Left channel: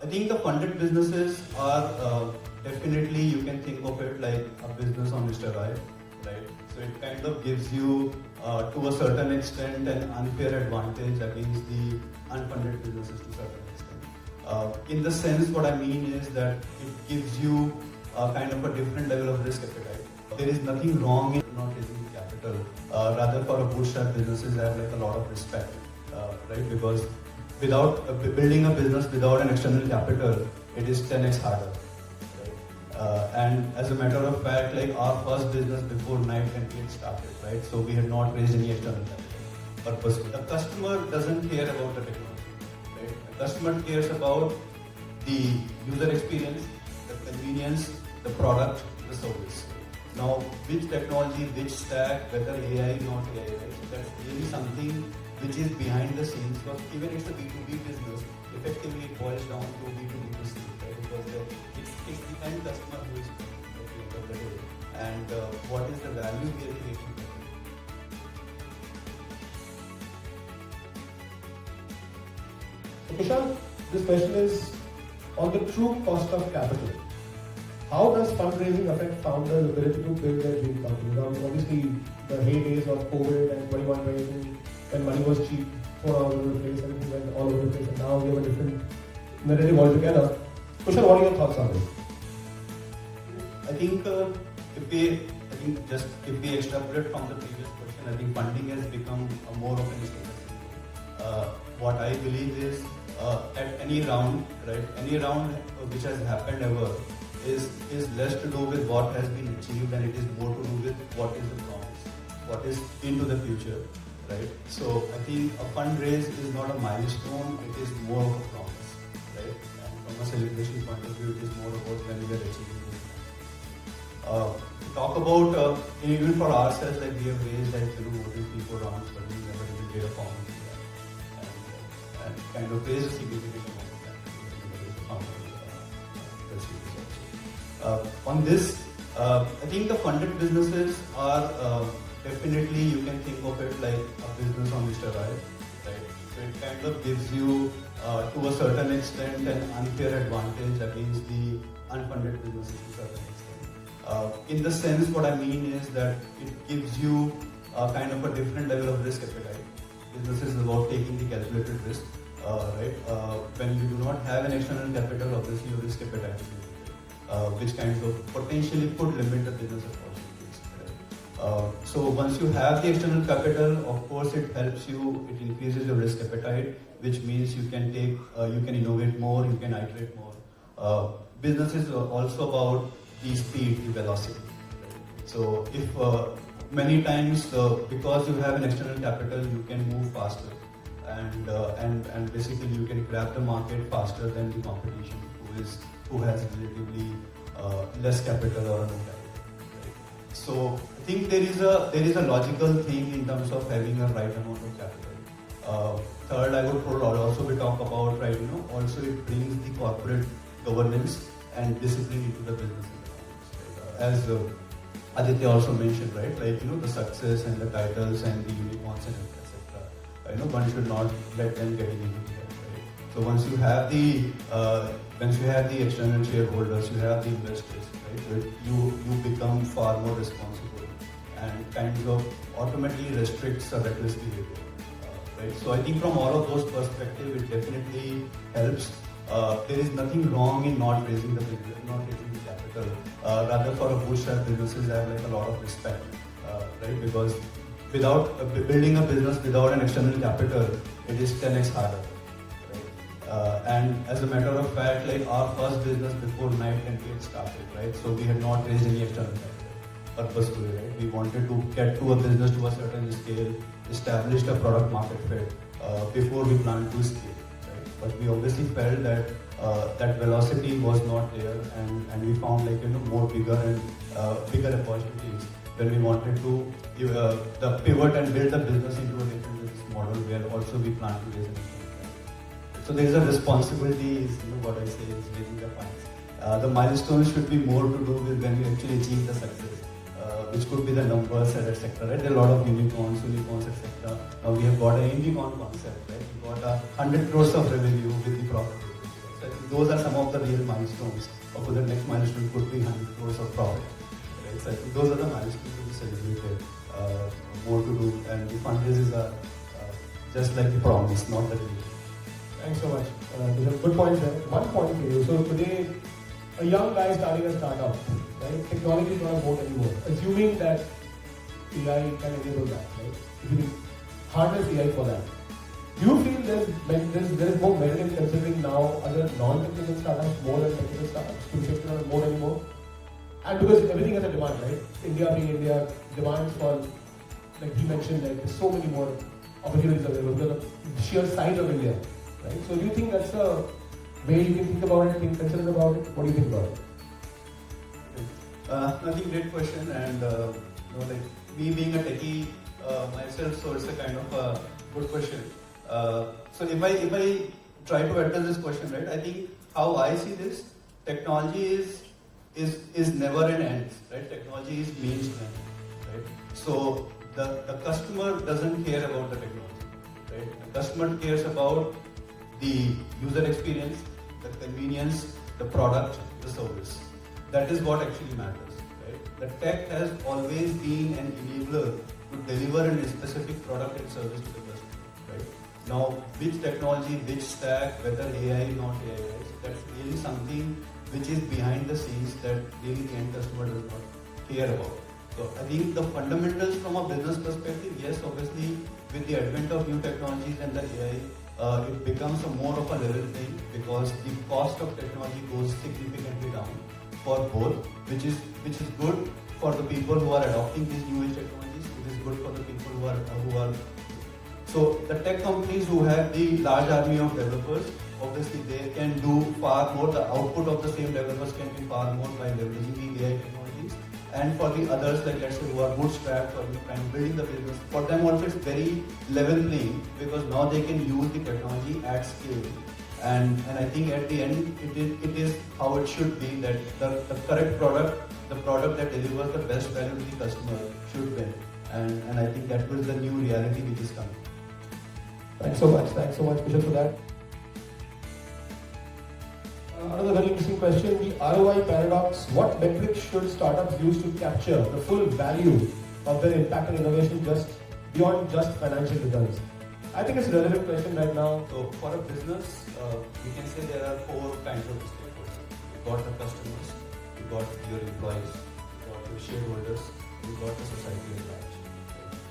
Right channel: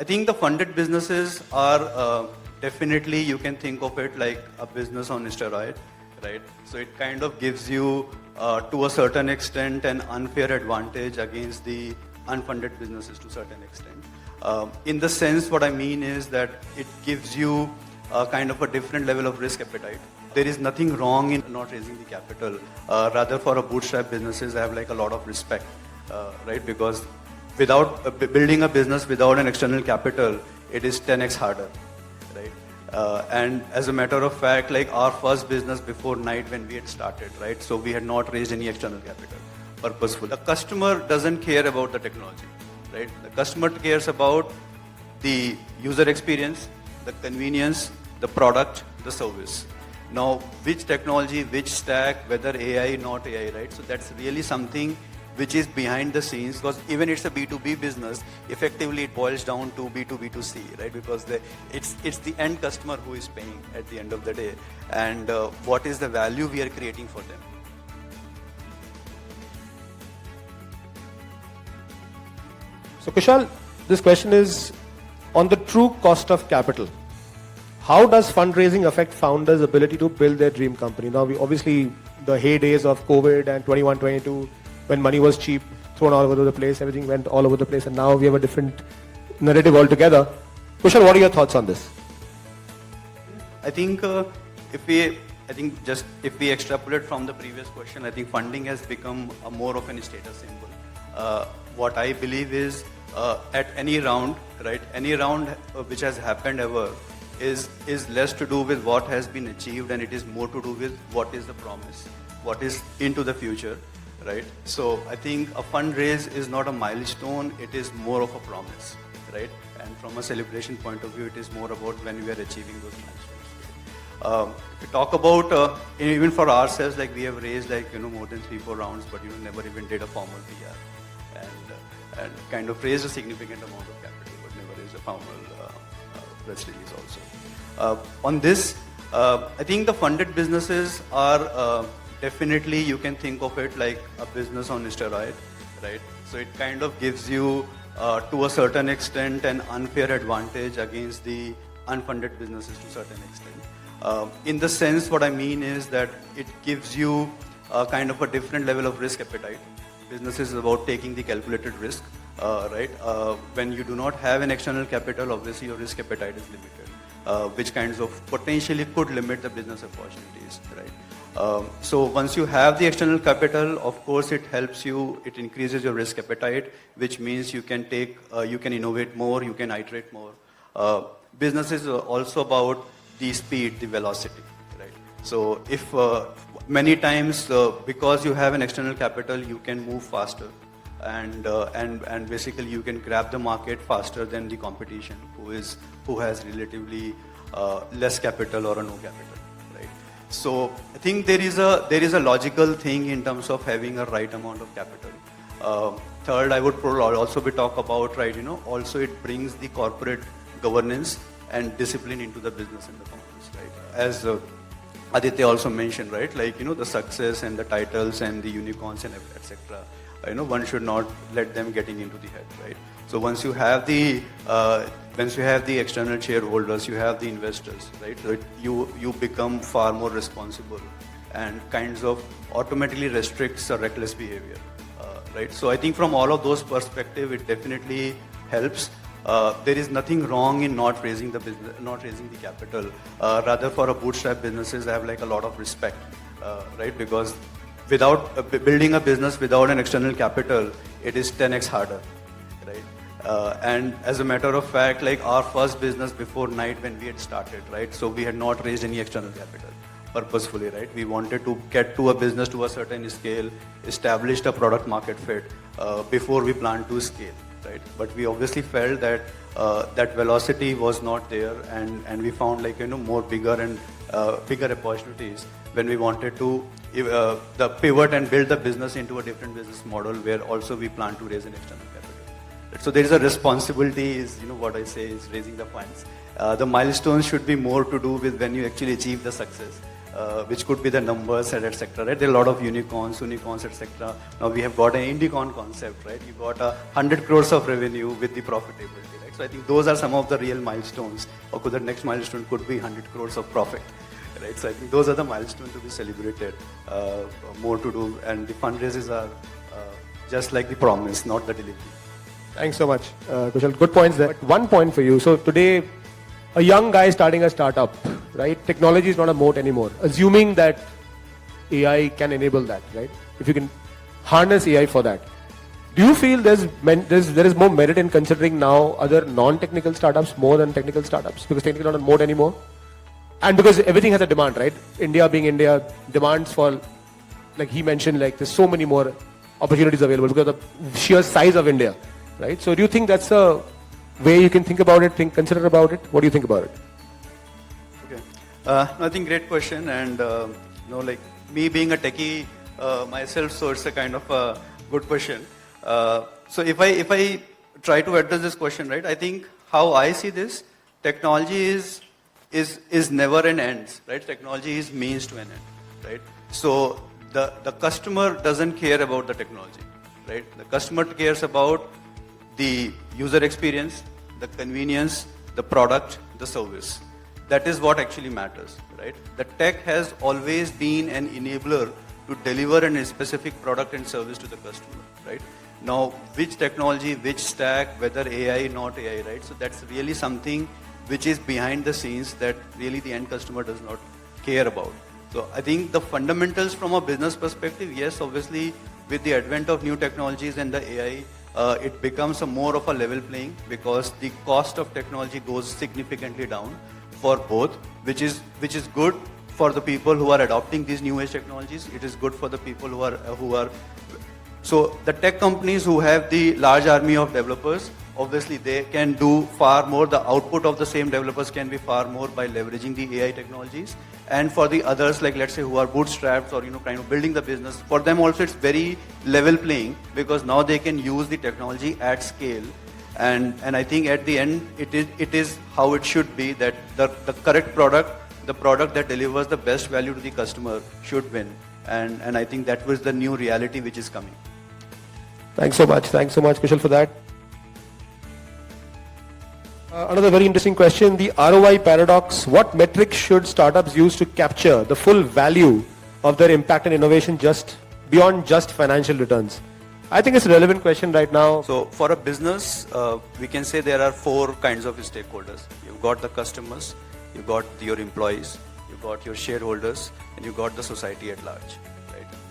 I think the funded businesses are definitely, you can think of it like a business on steroid, right? So it kind of gives you, to a certain extent, an unfair advantage against the unfunded businesses to a certain extent. In the sense, what I mean is that it gives you kind of a different level of risk appetite. There is nothing wrong in not raising the capital. Rather, for a bootstrap businesses, I have like a lot of respect, right? Because without building a business without an external capital, it is 10x harder, right? And as a matter of fact, like our first business before night when we had started, right? So we had not raised any external capital purposefully. The customer doesn't care about the technology, right? The customer cares about the user experience, the convenience, the product, the service. Now, which technology, which stack, whether AI, not AI, right? So that's really something which is behind the scenes, because even it's a B2B business, effectively it boils down to B2B2C, right? Because it's the end customer who is paying at the end of the day, and what is the value we are creating for them. So Kushal, this question is on the true cost of capital. How does fundraising affect founders' ability to build their dream company? Now, obviously, the heydays of COVID and 21-22, when money was cheap, thrown all over the place, everything went all over the place, and now we have a different narrative altogether. Kushal, what are your thoughts on this? I think if we extrapolate from the previous question, I think funding has become more of a status symbol. What I believe is at any round, right? Any round which has happened ever is less to do with what has been achieved, and it is more to do with what is the promise, what is into the future, right? So I think a fundraise is not a milestone, it is more of a promise, right? And from a celebration point of view, it is more about when we are achieving those milestones. We talk about, even for ourselves, like we have raised more than 3-4 rounds, but never even did a formal PR, and kind of raised a significant amount of capital, but never raised a formal press release also. On this, I think the funded businesses are definitely, you can think of it like a business on steroid, right? So it kind of gives you, to a certain extent, an unfair advantage against the unfunded businesses to a certain extent. In the sense, what I mean is that it gives you kind of a different level of risk appetite. Business is about taking the calculated risk, right? When you do not have an external capital, obviously your risk appetite is limited, which kinds of potentially could limit the business opportunities, right? So once you have the external capital, of course it helps you, it increases your risk appetite, which means you can you can innovate more, you can iterate more. Business is also about the speed, the velocity, right? So if many times, because you have an external capital, you can move faster, and basically you can grab the market faster than the competition who has relatively less capital or no capital, right? So I think there is a logical thing in terms of having a right amount of capital. Third, I would also be talk about, right? Also it brings the corporate governance and discipline into the business and the governance, right? As Aditya also mentioned, right? Like, the success and the titles and the unicorns and etc. One should not let them getting into the head, right? So once you have the external shareholders, you have the investors, right? So you become far more responsible, and kinds of automatically restricts a reckless behavior, right? So I think from all of those perspectives, it definitely helps. There is nothing wrong in not raising the capital. Rather, for a bootstrap businesses, I have like a lot of respect, right? Because without building a business without an external capital, it is 10x harder, right? And as a matter of fact, like our first business before night when we had started, right? So we had not raised any external capital purposefully, right? We wanted to get to a business to a certain scale, established a product market fit before we planned to scale. Right? But we obviously felt that that velocity was not there, and we found more bigger opportunities when we wanted to the pivot and build the business into a different business model where also we plan to raise an external capital. So there is a responsibility, is what I say, is raising the funds. The milestones should be more to do with when you actually achieve the success. Which could be the numbers, etc. Right? There are a lot of unicorns, etc. Now we have got an unicorn concept, right? We got 100 crores of revenue with the profitability, right? So I think those are some of the real milestones. Or the next milestone could be 100 crores of profit. Right? So I think those are the milestones to be celebrated. More to do, and the fundraisers are just like the promise, not the delivery. Thanks so much, Kushal. Good points there. One point for you. So today, a young guy starting a startup, right? Technology is not a moat anymore. Assuming that AI can enable that, right? If you can harness AI for that. Do you feel there is more merit in considering now other non-technical startups more than technical startups? Because technically not a moat anymore? And because everything has a demand, right? India being India, demands for, like he mentioned, like there's so many more opportunities available because of the sheer size of India, right? So do you think that's a way you can think about it, consider about it? What do you think about it? Okay. I think great question, and like me being a techie myself, so it's a kind of a good question. So if I try to address this question, right, I think how I see this, technology is never an end, right? Technology is means to an end, right? So the customer doesn't care about the technology, right? The customer cares about the user experience, the convenience, the product, the service. That is what actually matters, right? The tech has always been an enabler to deliver a specific product and service to the customer, right? Now, which technology, which stack, whether AI, not AI, right? So that's really something which is behind the scenes that really the end customer does not care about. So I think the fundamentals from a business perspective, yes, obviously with the advent of new technologies and the AI, it becomes a more of a level playing because the cost of technology goes significantly down for both, which is good for the people who are adopting these new age technologies. It is good for the people who are. So the tech companies who have the large army of developers, obviously they can do far more. The output of the same developers can be far more by leveraging the AI technologies. And for the others, like let's say who are bootstrapped or kind of building the business, for them also it's very level playing because now they can use the technology at scale. And I think at the end it is how it should be, that the correct product, the product that delivers the best value to the customer should win. And I think that was the new reality which is coming. Thanks so much, Kushal, for that. Another very interesting question, the ROI paradox. What metrics should startups use to capture the full value of their impact and innovation just beyond just financial returns? I think it's a relevant question right now. So for a business, we can say there are 4 kinds of stakeholders. You've got the customers, you've got your employees, you've got your shareholders, and you've got the society at large.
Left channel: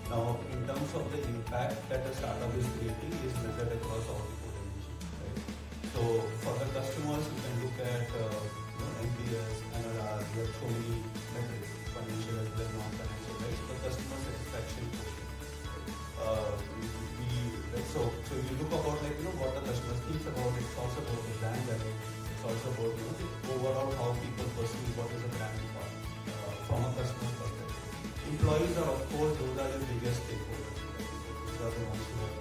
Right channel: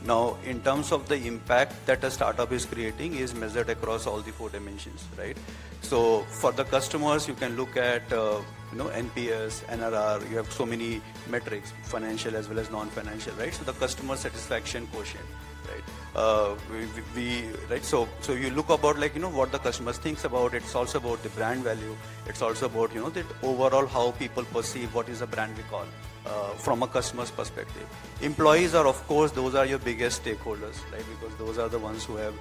Now, in terms of the impact that a startup is creating is measured across all the 4 dimensions, right? So for the customers, you can look at NPS, NRR. You have so many metrics, financial as well as non-financial, right? So the customer satisfaction quotient, right? So you look about what the customer thinks about. It's also about the brand value. It's also about the overall how people perceive what is a brand recall from a customer's perspective. Employees are, of course, those are your biggest stakeholders, right? Because those are the ones who have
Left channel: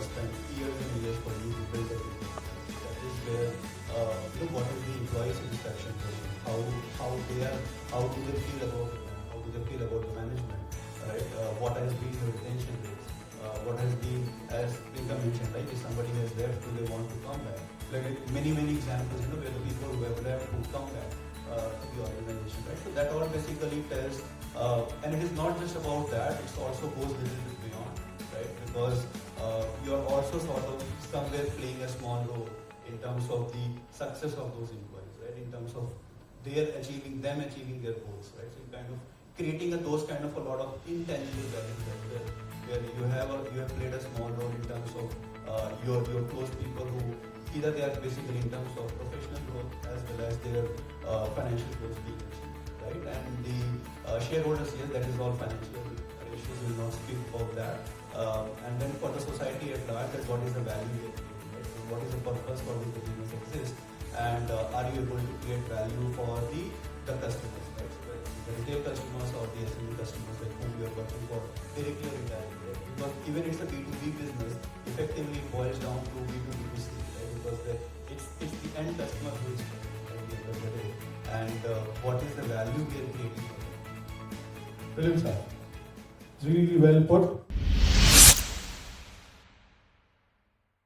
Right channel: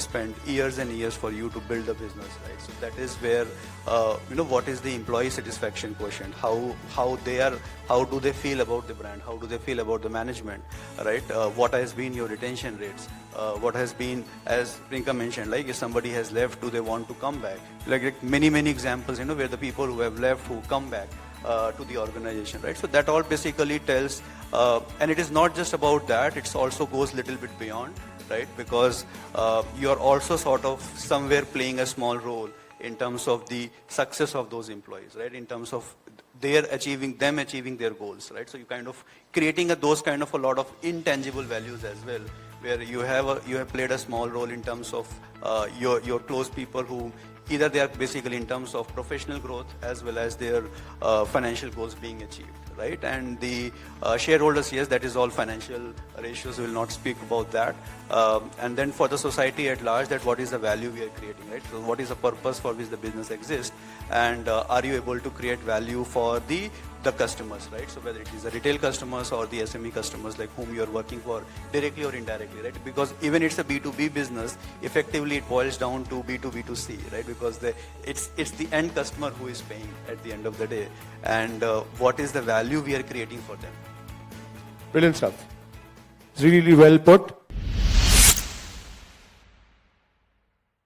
spent years and years for you to build a business, right? So that is where what is the employee satisfaction quotient? How do they feel about the brand? How do they feel about the management, right? What has been your retention rates? What has been, as Priyanka mentioned, like if somebody has left, do they want to come back? Like many examples, where the people who have left who come back to the organization, right? So that all basically tells, and it is not just about that, it also goes a little bit beyond, right? Because you are also sort of somewhere playing a small role in terms of the success of those employees, right? In terms of achieving their goals, right? So you kind of creating those kind of a lot of intangible values as well, where you have played a small role in terms of your close people who either they are basically in terms of professional growth as well as their financial goals being achieved, right? And the shareholders, yes, that is all financial ratios, we will not speak about that. And then for the society at large, that what is the value we are creating, right? So what is the purpose for which the business exists, and are you able to create value for the customers, right? So whether it is the retail customers or the SME customers like whom you are working for directly or indirectly, right? Because even it's a B2B business, effectively it boils down to B2B2C, right? Because it's the end customer who is paying at the end of the day, and what is the value we are creating for them. Brilliant stuff. It's really well put.